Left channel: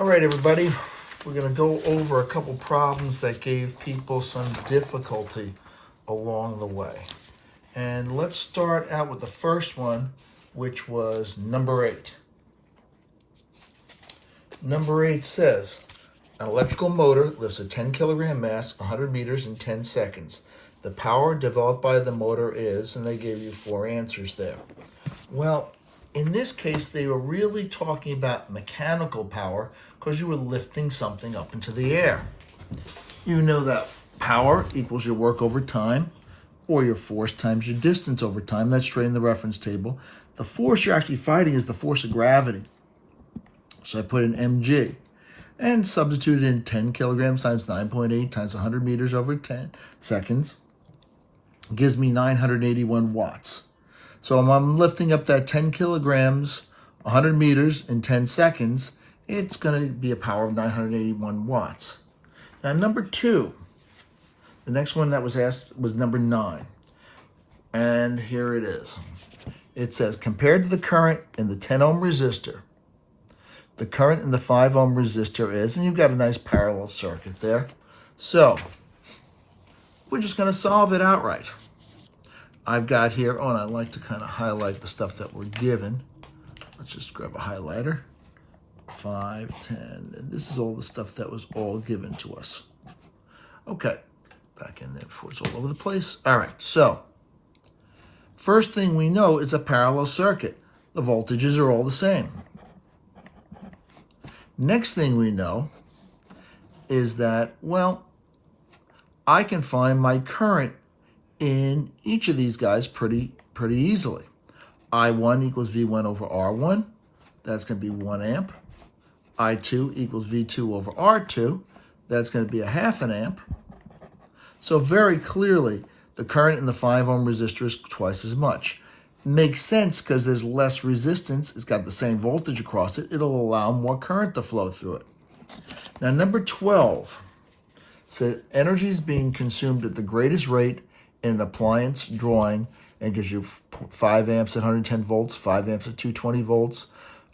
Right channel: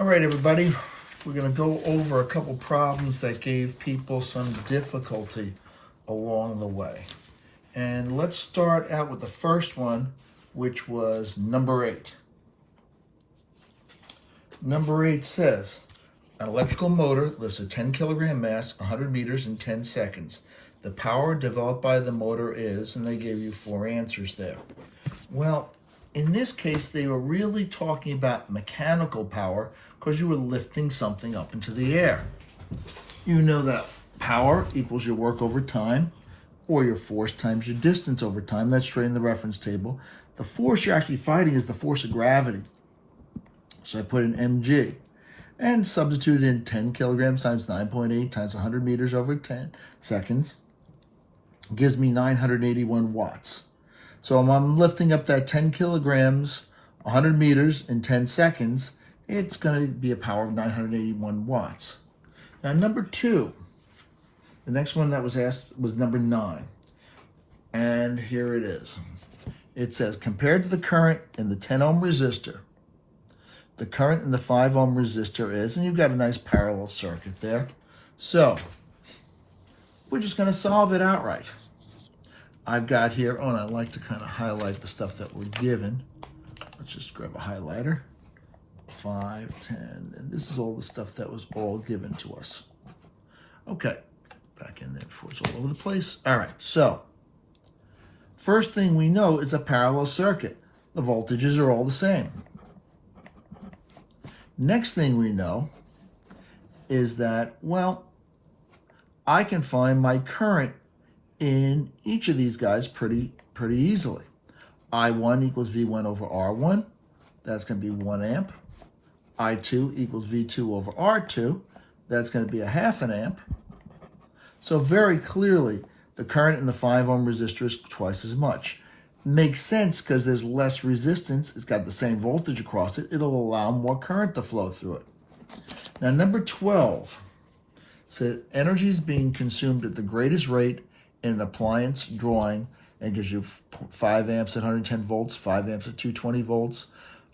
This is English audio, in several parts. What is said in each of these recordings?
All right, everybody, we're going to go over a couple problems that gave people some difficulty along the way. And let's start out with the first one, which was number 8. Number 8 says, an electrical motor lifts a 10 kilogram mass 100 meters in 10 seconds. The power developed by the motor is, and they gave you 4 answers there. Well, in this case, they were really talking about mechanical power because you were lifting something up into the air. You know that power equals your work over time, or your force times your distance over time. That's straight in the reference table. The force you're actually fighting is the force of gravity. So I put in mg and substitute in 10 kilograms times 9.8 times 100 meters over 10 seconds. It gives me 981 watts. So when I'm lifting up that 10 kilograms, 100 meters in 10 seconds, it's going to be a power of 981 watts. Now, number 2, the next one that was asked was number 9. And here it is. It says, compared to the current in the 10 ohm resistor, the current in the 5 ohm resistor is, and you've got a nice parallel circuit there. So we're just going to solve it outright. I've got here, and I like to kind of highlight the stuff that we're given. Let's just grab a highlighter. 5, 10, and this is all the stuff that was all given to us. Okay, back in there before it's all over the place. All right, so first thing we know is a parallel circuit. The voltages are all the same. Next thing we know is that, well, I can find my current in each of these guys pretty easily. I1 equals V1 over R1. That's going to be 1 amp. I2 equals V2 over R2. That's going to be a half an amp. So very clearly, the current in the 5 ohm resistor is twice as much. Makes sense because there's less resistance. It's got the same voltage across it. It'll allow more current to flow through it. Now, number 12 says energy is being consumed at the greatest rate in an appliance drawing, and gives you 5 amps at 110 volts, 5 amps at 220 volts,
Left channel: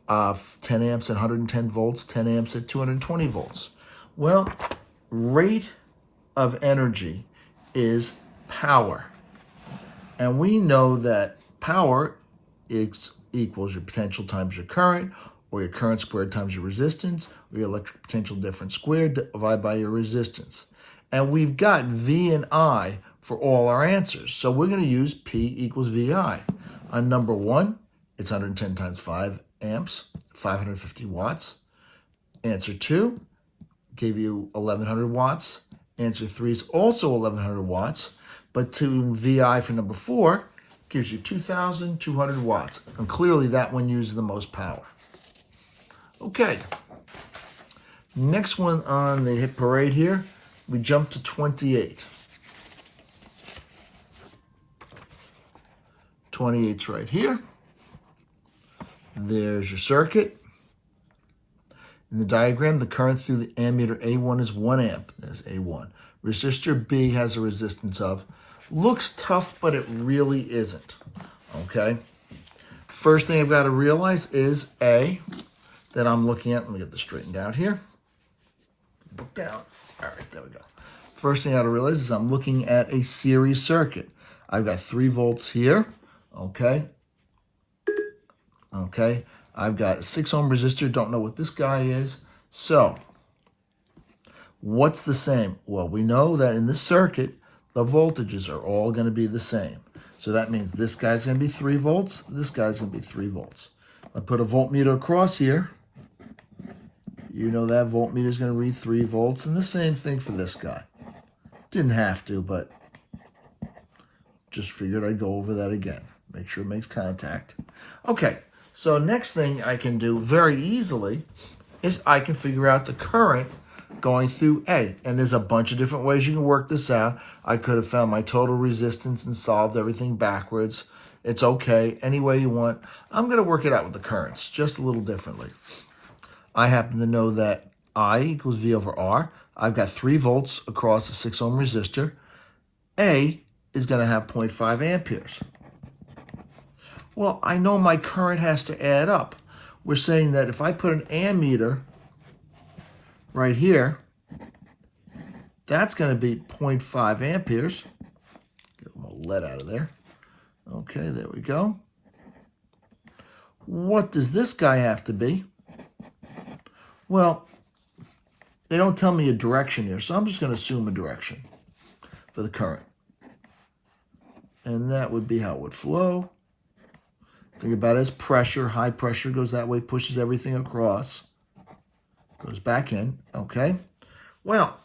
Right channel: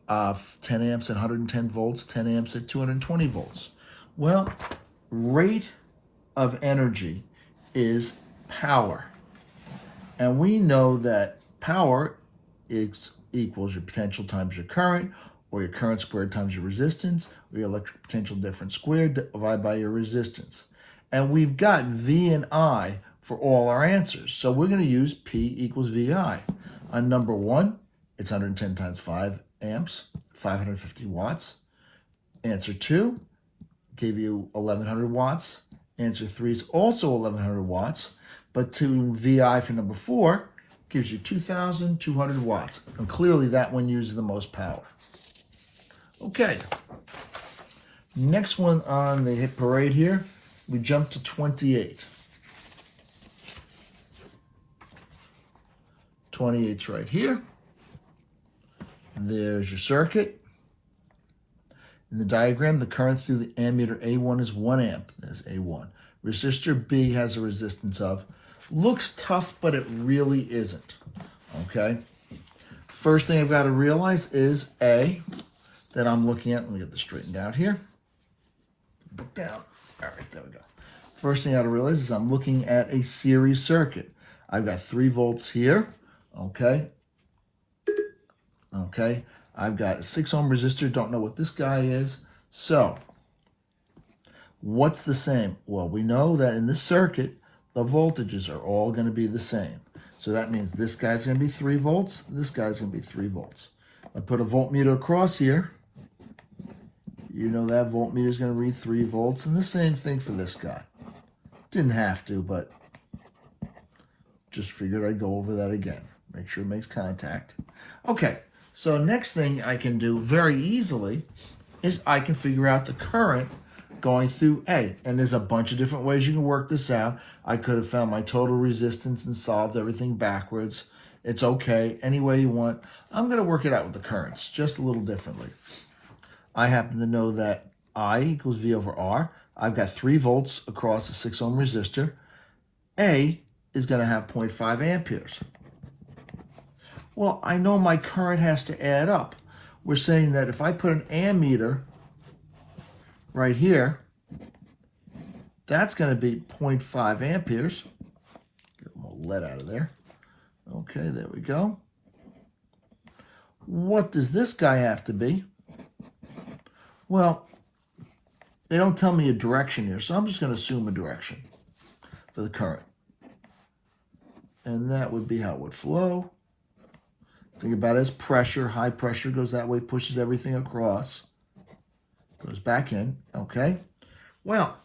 10 amps at 110 volts, 10 amps at 220 volts. Well, rate of energy is power. And we know that power equals your potential times your current, or your current squared times your resistance, or your electric potential difference squared divided by your resistance. And we've got V and I for all our answers. So we're going to use P equals VI. On number 1, it's 110 times 5 amps, 550 watts. Answer 2 gave you 1100 watts. Answer 3 is also 1100 watts. But to VI for number 4 gives you 2,200 watts. And clearly that one uses the most power. Okay. Next one on the hit parade here, we jump to 28. 28's right here. There's your circuit. In the diagram, the current through the ammeter A1 is 1 amp. There's A1. Resistor B has a resistance of. Looks tough, but it really isn't. Okay? First thing I've got to realize is A, that I'm looking at. Let me get this straightened out here. Look down. All right, there we go. First thing I got to realize is I'm looking at a series circuit. I've got 3 volts here. Okay. I've got a 6 ohm resistor. Don't know what this guy is. So, what's the same? Well, we know that in this circuit, the voltages are all going to be the same. So that means this guy's going to be 3 volts. This guy's going to be 3 volts. I put a voltmeter across here. You know that voltmeter is going to read 3 volts. And the same thing for this guy. Didn't have to, but just figured I'd go over that again. Make sure it makes contact. Okay, so next thing I can do very easily is I can figure out the current going through A. And there's a bunch of different ways you can work this out. I could have found my total resistance and solved everything backwards. It's okay, any way you want. I'm going to work it out with the currents, just a little differently. I happen to know that I equals V over R. I've got 3 volts across a 6 ohm resistor. A is going to have 0.5 amperes. Well, I know my current has to add up. We're saying that if I put an ammeter right here, that's going to be 0.5 amperes. Get more lead out of there. Okay, there we go. What does this guy have to be? Well, they don't tell me a direction here, so I'm just going to assume a direction for the current. And that would be how it would flow. Think about it as pressure. High pressure goes that way, pushes everything across. Goes back in, okay? Well,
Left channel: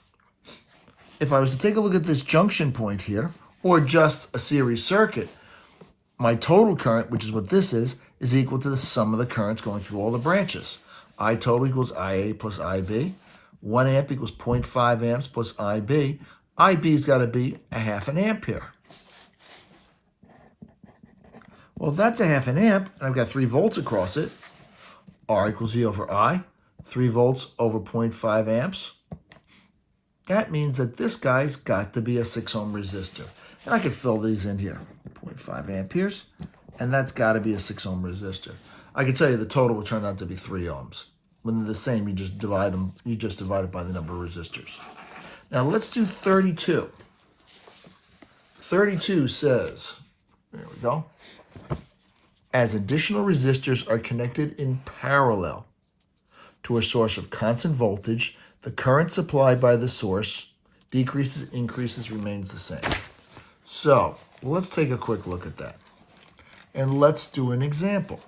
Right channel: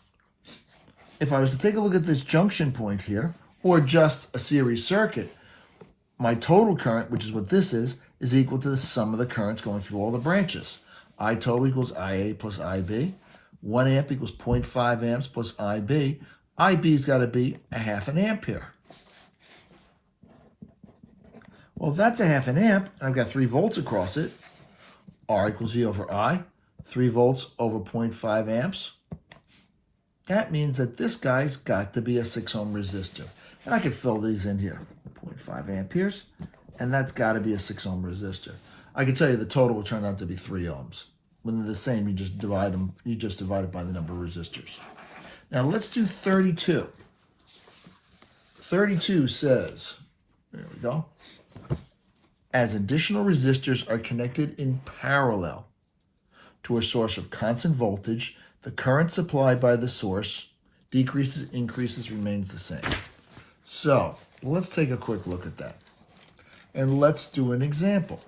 if I was to take a look at this junction point here, or just a series circuit, my total current, which is what this is equal to the sum of the currents going through all the branches. I total equals IA plus IB. 1 amp equals 0.5 amps plus IB. IB's got to be a half an ampere. Well, if that's a half an amp, and I've got 3 volts across it, R equals V over I, 3 volts over 0.5 amps. That means that this guy's got to be a 6 ohm resistor. And I could fill these in here, 0.5 amperes, and that's got to be a 6 ohm resistor. I can tell you the total will turn out to be 3 ohms. When they're the same, you just divide them. You just divide it by the number of resistors. Now let's do 32. 32 says, there we go, as additional resistors are connected in parallel to a source of constant voltage, the current supplied by the source decreases, increases, remains the same. So let's take a quick look at that. And let's do an example.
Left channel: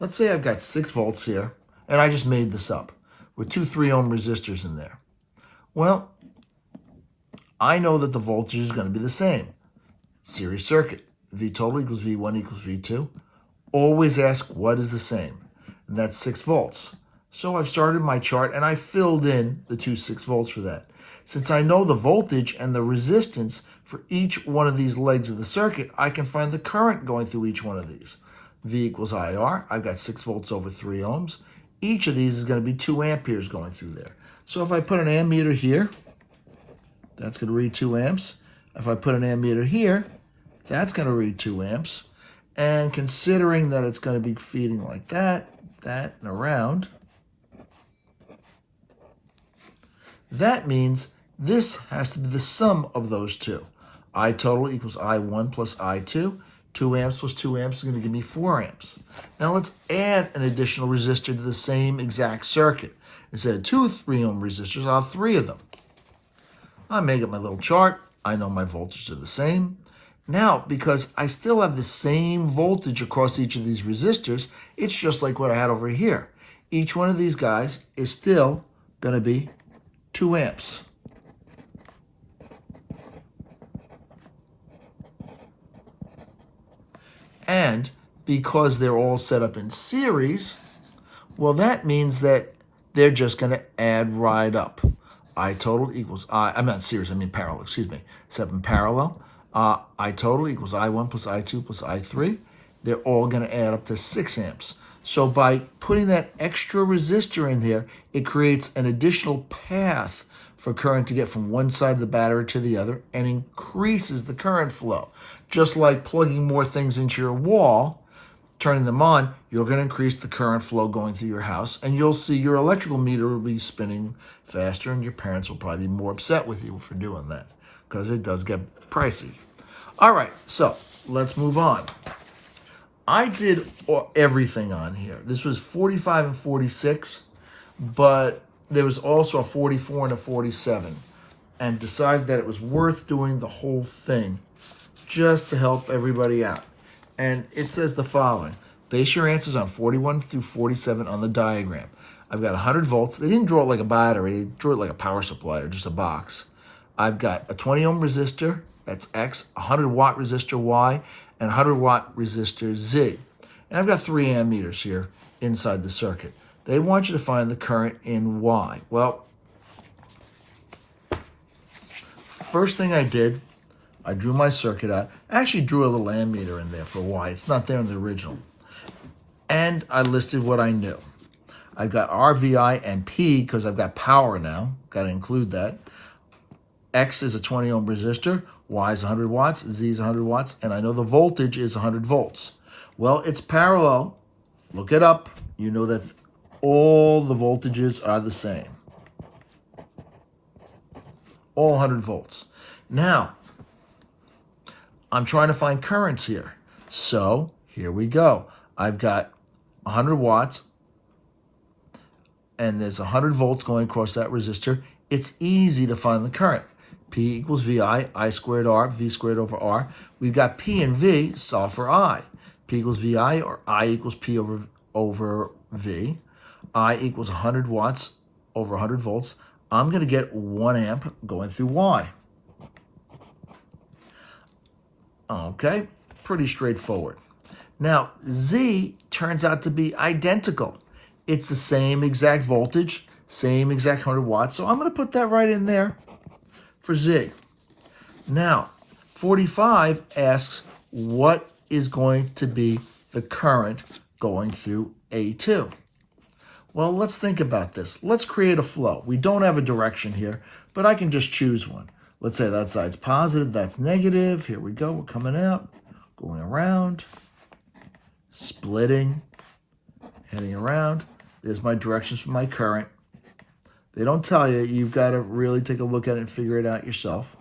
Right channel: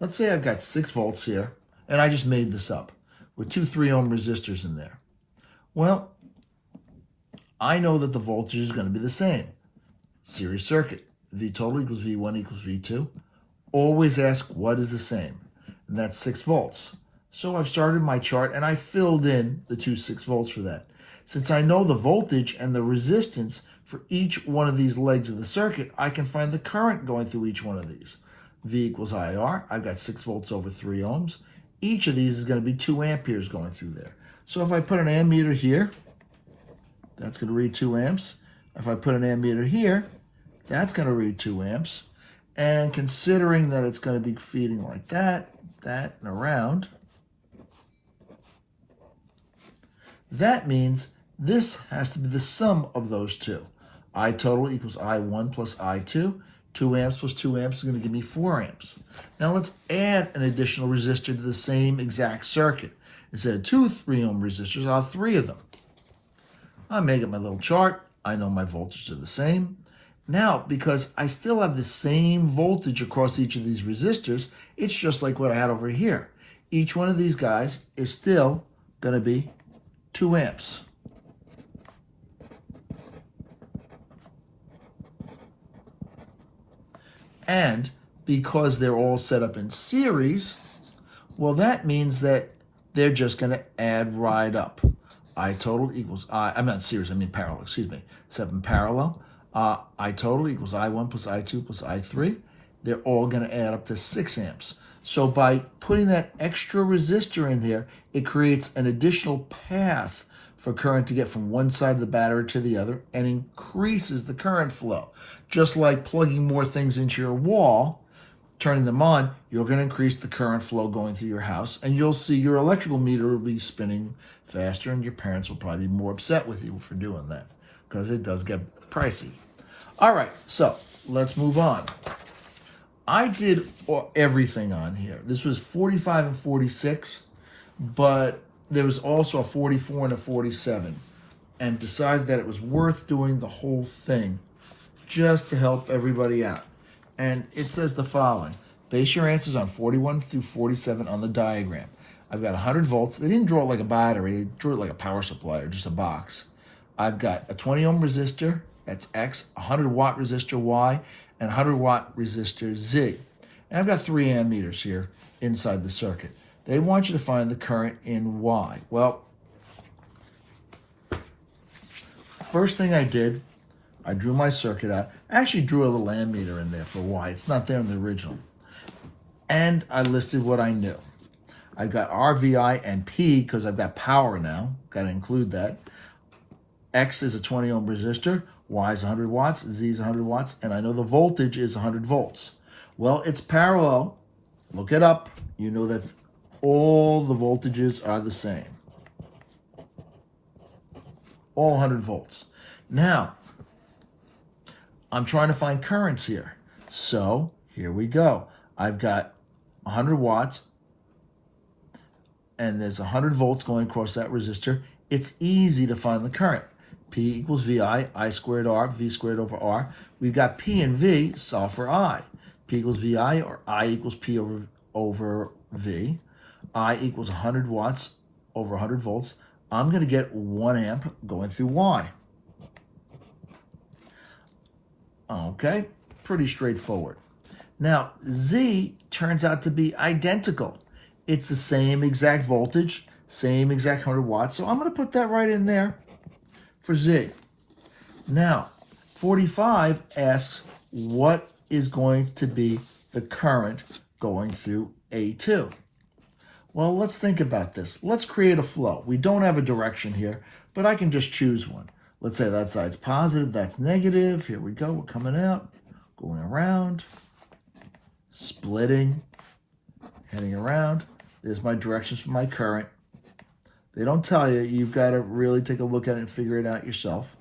Let's say I've got 6 volts here, and I just made this up, with 2 3 ohm resistors in there. Well, I know that the voltage is going to be the same. Series circuit, V total equals V1 equals V2. Always ask what is the same, and that's 6 volts. So I've started my chart, and I filled in the 2 6 volts for that. Since I know the voltage and the resistance for each one of these legs of the circuit, I can find the current going through each one of these. V equals IR. I've got 6 volts over 3 ohms. Each of these is going to be 2 amperes going through there. So if I put an ammeter here, that's going to read 2 amps. If I put an ammeter here, that's going to read 2 amps. And considering that it's going to be feeding like that, and around, that means this has to be the sum of those two. I total equals I1 plus I2. 2 amps plus 2 amps is going to give me 4 amps. Now let's add an additional resistor to the same exact circuit. Instead of 2 3 ohm resistors, I'll have 3 of them. I make up my little chart. I know my voltages are the same. Now, because I still have the same voltage across each of these resistors, it's just like what I had over here. Each one of these guys is still going to be 2 amps. And because they're all set up in series, well, that means that they're just going to add right up. I total equals I'm not series, I mean parallel, excuse me. Set up in parallel. I total equals I1 plus I2 plus I3. They're all going to add up to 6 amps. So by putting that extra resistor in there, it creates an additional path for current to get from one side of the battery to the other and increases the current flow. Just like plugging more things into your wall, turning them on, you're going to increase the current flow going through your house, and you'll see your electrical meter will be spinning faster, and your parents will probably be more upset with you for doing that because it does get pricey. All right, so let's move on. I did everything on here. This was 45 and 46, but there was also a 44 and a 47, and decided that it was worth doing the whole thing just to help everybody out. And it says the following. Base your answers on 41 through 47 on the diagram. I've got 100 volts. They didn't draw it like a battery. They drew it like a power supply or just a box. I've got a 20 ohm resistor, that's X, a 100 watt resistor Y, and a 100 watt resistor Z. And I've got 3 ammeters here inside the circuit. They want you to find the current in Y. Well, first thing I did, I drew my circuit out. I actually drew a little ammeter in there for Y. It's not there in the original. And I listed what I knew. I've got RVI and P because I've got power now. Got to include that. X is a 20 ohm resistor. Y is 100 watts. Z is 100 watts. And I know the voltage is 100 volts. Well, it's parallel. Look it up. You know that all the voltages are the same. all 100 volts. Now, I'm trying to find currents here. So here we go. I've got 100 watts, and there's 100 volts going across that resistor. It's easy to find the current. P equals VI, I squared R, V squared over R. We've got P and V, solve for I. P equals VI, or I equals P over V. I equals 100 watts over 100 volts. I'm going to get 1 amp going through Y. Okay, pretty straightforward. Now, Z turns out to be identical. It's the same exact voltage, same exact 100 watts, so I'm going to put that right in there for Z. Now, 45 asks what is going to be the current going through A2. Well, let's think about this. Let's create a flow. We don't have a direction here, but I can just choose one. Let's say that side's positive, that's negative. Here we go, we're coming out, going around, splitting, heading around. There's my directions for my current. They don't tell you. You've got to really take a look at it and figure it out yourself.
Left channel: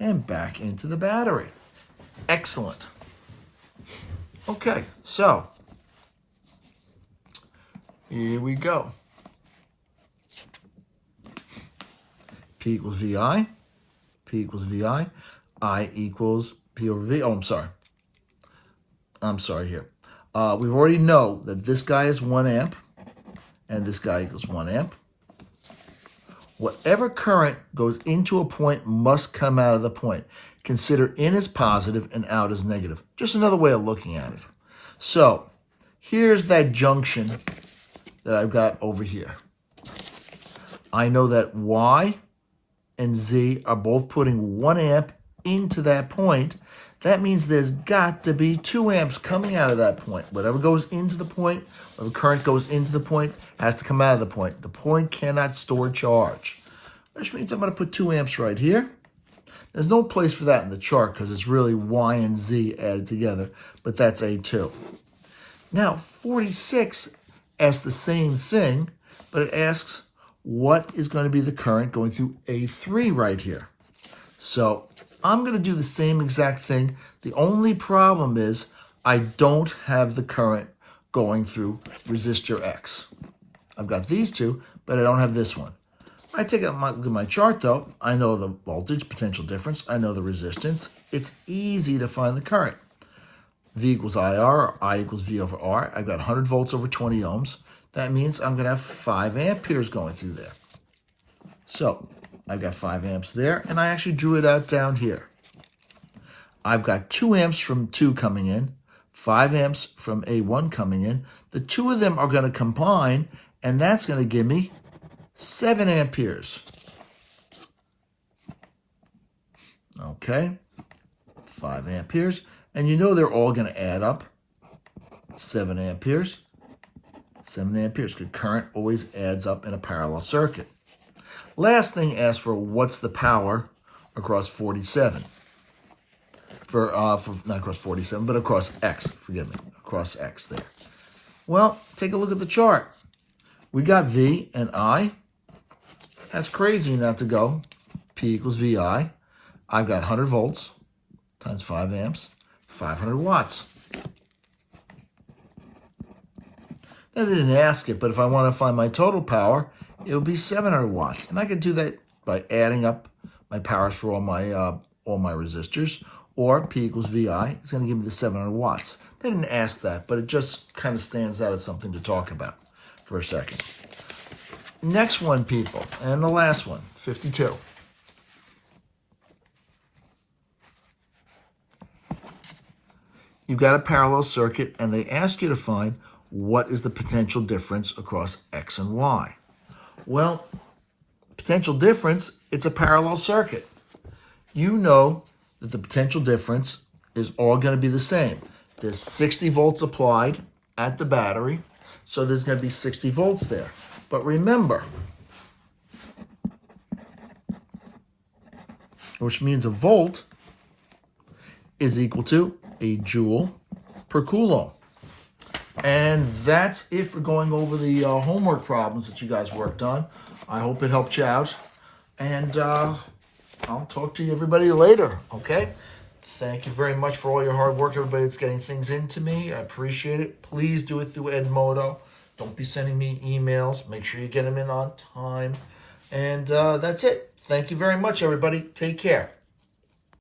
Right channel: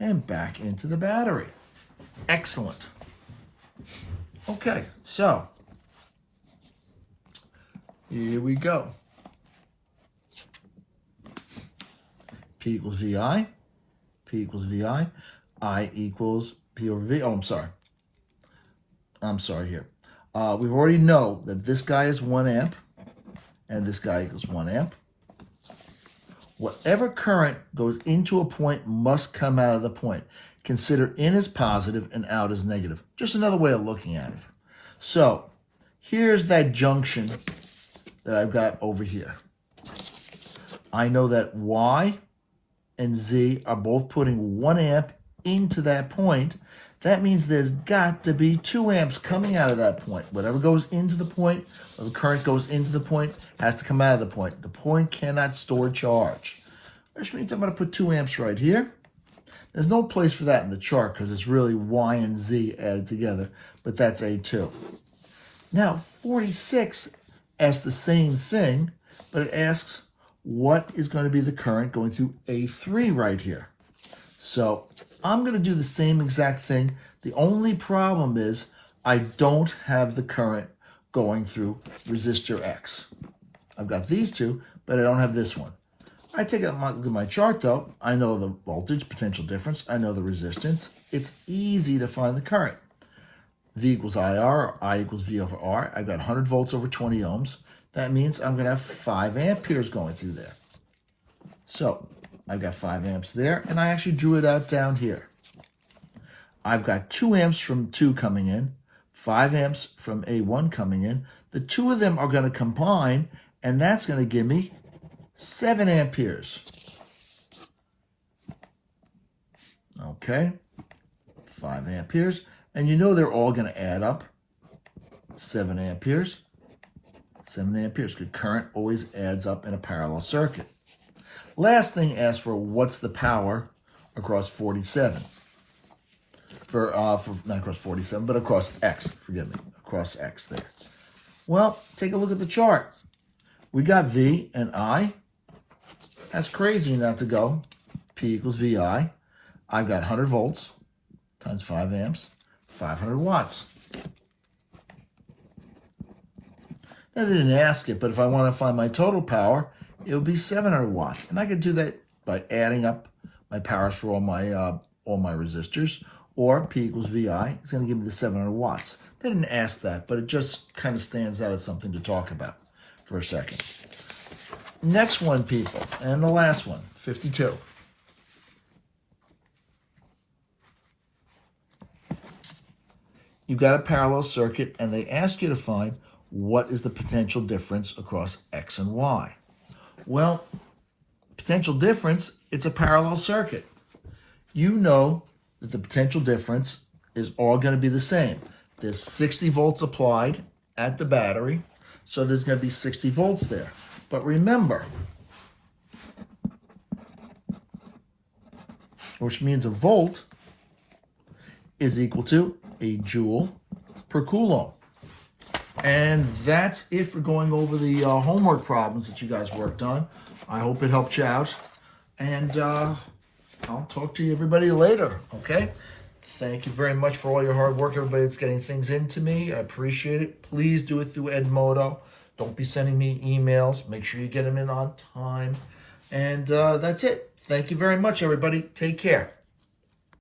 And back into the battery. Excellent. Okay, so here we go. P equals VI. P equals VI. I equals P over V. Oh, I'm sorry here. We already know that this guy is 1 amp and this guy equals 1 amp. Whatever current goes into a point must come out of the point. Consider in as positive and out as negative. Just another way of looking at it. So here's that junction that I've got over here. I know that Y and Z are both putting 1 amp into that point. That means there's got to be 2 amps coming out of that point. Whatever goes into the point, whatever current goes into the point, has to come out of the point. The point cannot store charge, which means I'm going to put 2 amps right here. There's no place for that in the chart because it's really Y and Z added together, but that's A2. Now, 46 asks the same thing, but it asks what is going to be the current going through A3 right here. So I'm going to do the same exact thing. The only problem is I don't have the current going through resistor X. I've got these two, but I don't have this one. I take out look at my chart though. I know the voltage, potential difference. I know the resistance. It's easy to find the current. V equals IR, or I equals V over R. I've got 100 volts over 20 ohms. That means I'm going to have 5 amperes going through there. So I've got 5 amps there, and I actually drew it out down here. I've got 2 amps from 2 coming in, 5 amps from A1 coming in. The two of them are going to combine, and that's going to give me 7 amperes. Okay, 5 amperes. And you know they're all going to add up. 7 amperes. 7 amperes, because current always adds up in a parallel circuit. Last thing asks for what's the power across 47. For not across 47, but across X, forgive me, across X there. Well, take a look at the chart. We got V and I. That's crazy not to go. P equals VI. I got 100 volts times 5 amps, 500 watts. Now, they didn't ask it, but if I want to find my total power, it would be 700 watts. And I can do that by adding up my powers for all my resistors, or P equals VI. It's going to give me the 700 watts. They didn't ask that, but it just kind of stands out as something to talk about for a second. Next one, people, and the last one, 52. You've got a parallel circuit, and they ask you to find what is the potential difference across X and Y. Well, potential difference, it's a parallel circuit. You know that the potential difference is all going to be the same. There's 60 volts applied at the battery, so there's going to be 60 volts there. But remember, which means a volt is equal to a joule per coulomb. And that's it for going over the homework problems that you guys worked on. I hope it helped you out. And I'll talk to you everybody later, okay? Thank you very much for all your hard work, everybody that's getting things into me. I appreciate it. Please do it through Edmodo. Don't be sending me emails. Make sure you get them in on time. And that's it. Thank you very much, everybody. Take care.